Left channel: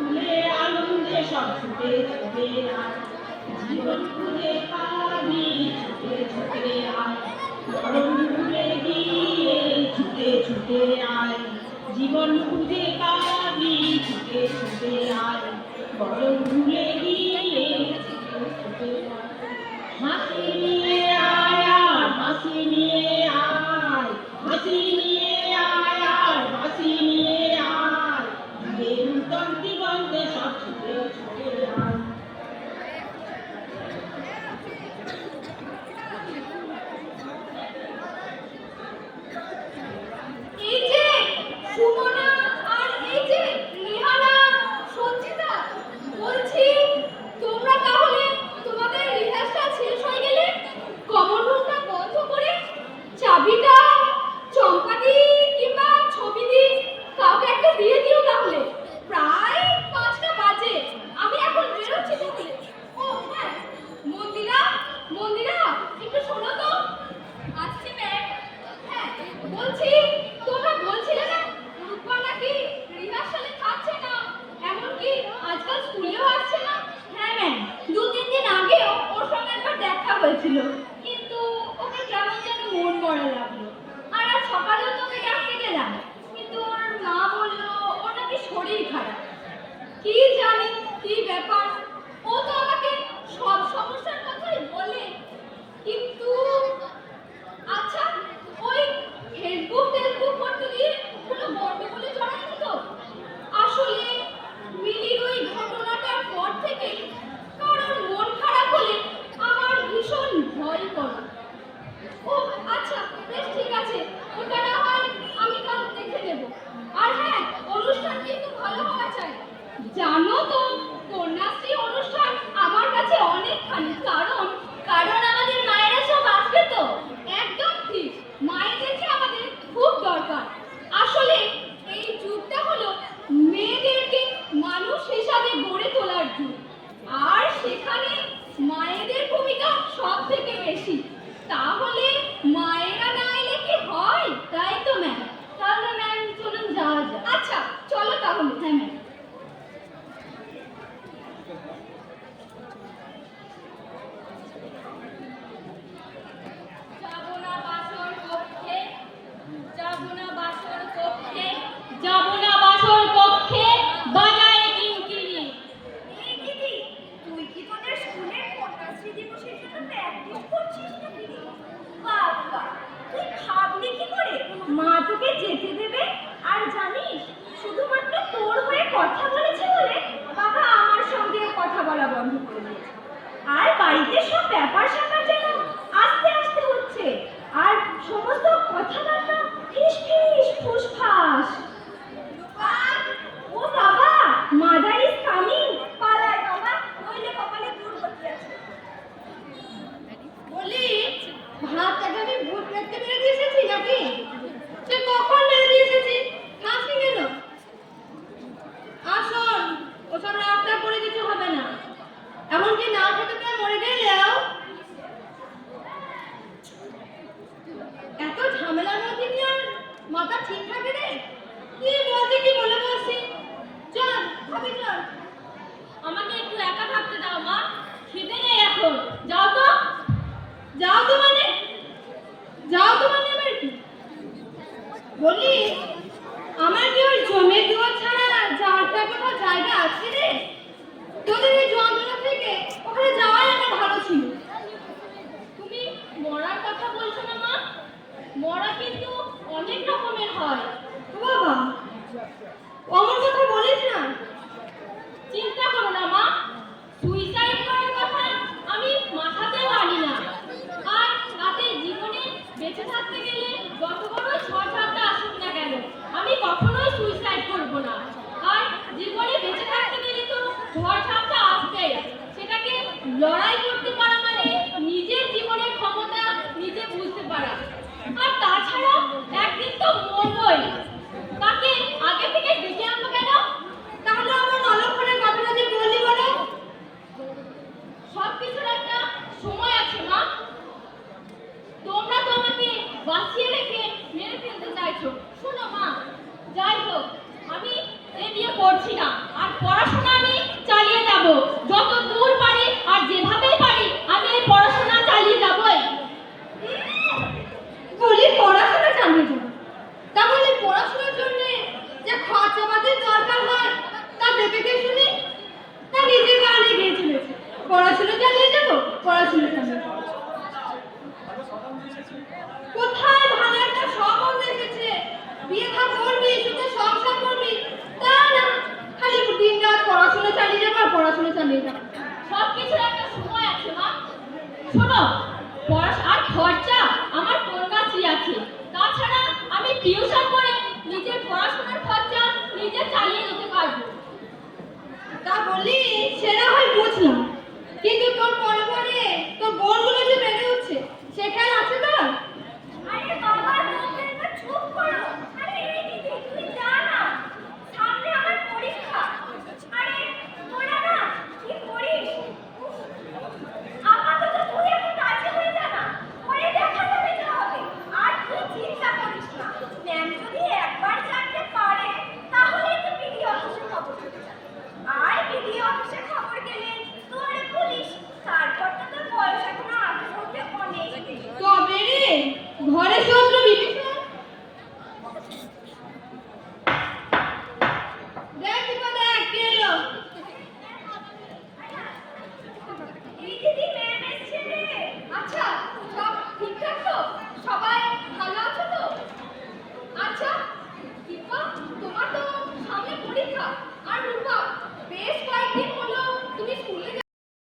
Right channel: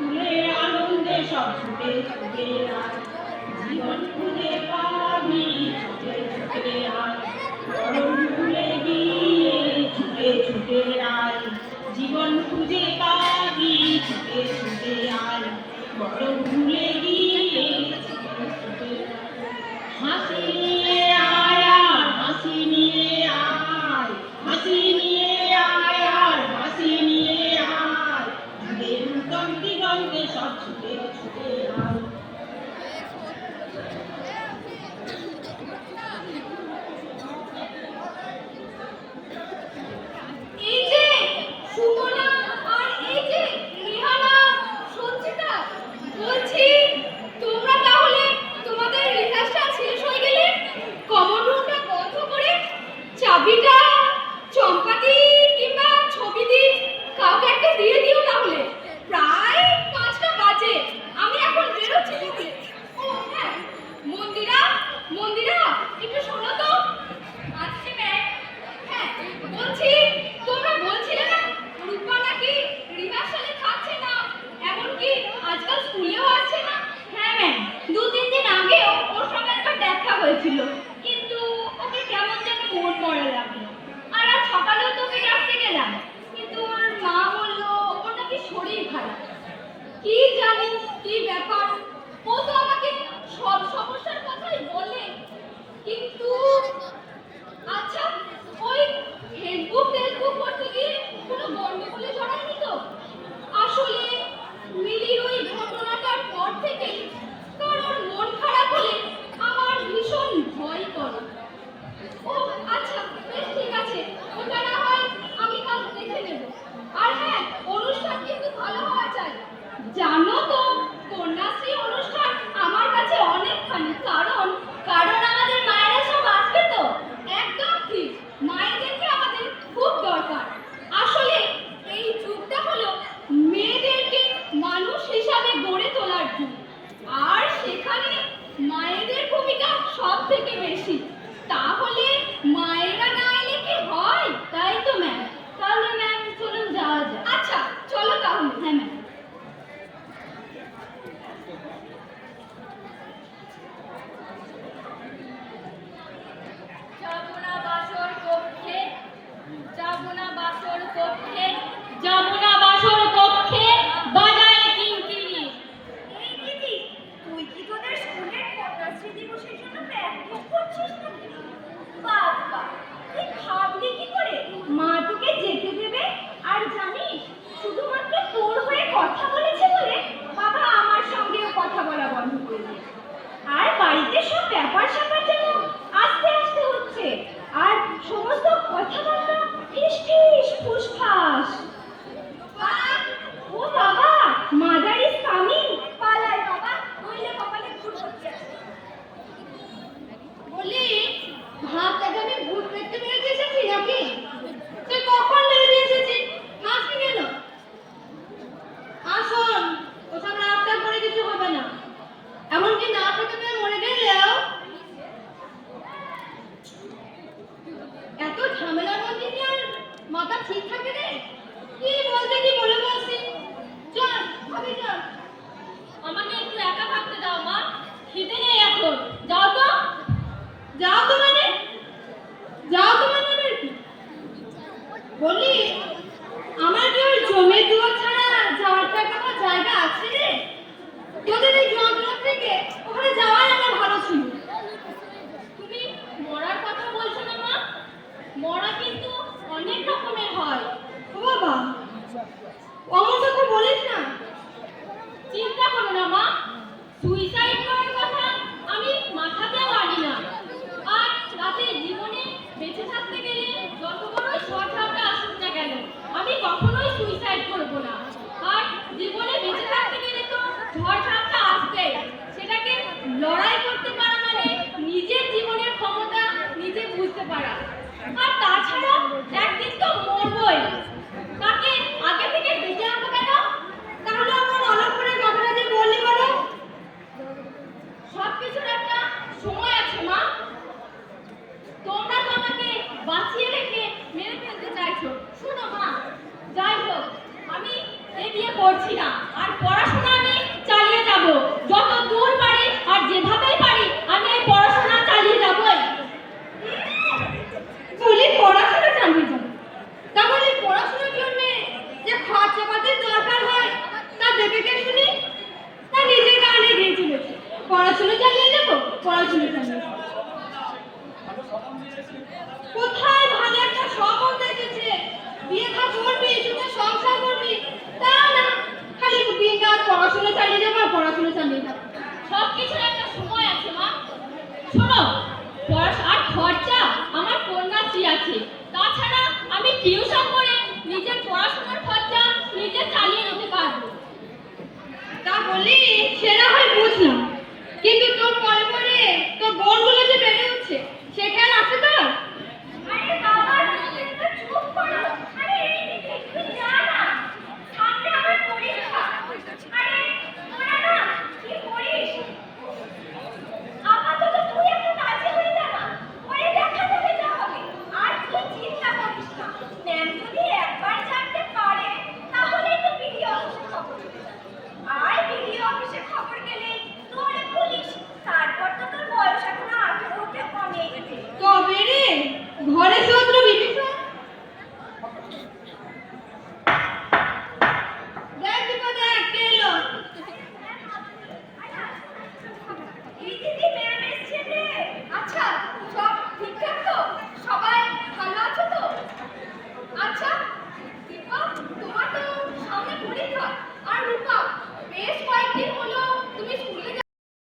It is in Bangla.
ফুলের আনন্দে সব ছুটে ছুটে আয়, জীবন খুঁজে পাবি ছুটে ছুটে আয়, মরণ ভুলে গিয়ে ছুটে ছুটে আয়, জীবন খুঁজে পাবি ছুটে ছুটে আয়, মরণ ভুলে গিয়ে ছুটে ছুটে আয়। হাসি নিয়ে আয় আর হাসি নিয়ে আয়, হাসি নিয়ে আয় আর হাসি নিয়ে আয়, জীবের নূতন দিগন্তে সব ছুটে ছুটে আয়। এই যে সুমনা আর এই যে রেহানা, সঞ্চিতা, বলছি তোমরা তাহলে তোমাদের রিহার্সাল শেষ হয়ে গেলে কমন রুমটা বন্ধ করে চাবিটা চম্পাদি কিংবা ছবিদি কাউকে একটা দিয়ে দিও তাহলে। প্রায় 5টা বাজে, আমি এখন বেরোচ্ছি তাহলে। ও হ্যাঁ, মন্দিরা, মন্দিরা একটু শোনো তো। আসছি ম্যাম। হ্যাঁ, বলছি তোমরা বলছিলে না রূপা নাকি রিহার্সালে থাকছে না, এমনকি আজকাল স্কুলেও আসছে না। হ্যাঁ ম্যাম, 2-3 দিন আগেও ওর সঙ্গে একবার দেখা হয়েছিল, কিন্তু ওকে কেমন যেন মন করা লাগলো। আর আজ সকালেও তোকে ডাকতে গেলাম, কিন্তু ওর মা বললো ওর নাকি শরীর খারাপ। কি জানি কি ব্যাপার, ও তো আমাকে সব সমস্যার কথাই বলে, কিন্তু আচ্ছা ওই ফেসবুক করতে গিয়ে কোনো গন্ডগোলে জড়ায়নি তো? আসলে মিলির ওই ঘটনাটার পর থেকে কারোর মন খারাপ হলে আমার ভীষণ ভয় করে। ও আচ্ছা, বেশ ঠিক আছে, ওটা না হয় আমি কাল দেখে নেব। আর হ্যাঁ, অনুষ্ঠান কিন্তু ভালো হওয়া চাই। জানো তো, কন্যাশ্রী অনুষ্ঠান আমার কাছে অনেকখানি, কারণ কারণ আমাদের মায়েরা সব আসবে তো। একদম ঠিক, মায়েদেরকে আমাদের খুব দরকার। আসলে এই যুগটা হলো মেয়েদেরকে মানুষ হিসাবে গড়ে তোলার যুগ, আর সেখানে মায়েদের ভূমিকা সব থেকে বেশি। তাহলে মায়েরা না এলে কি হয়? তাই তো ম্যাম। তাহলে ম্যাম চলুন যাওয়া যাক। আচ্ছা চলো তাহলে। হ্যাঁ ম্যাম। যাচ্ছে।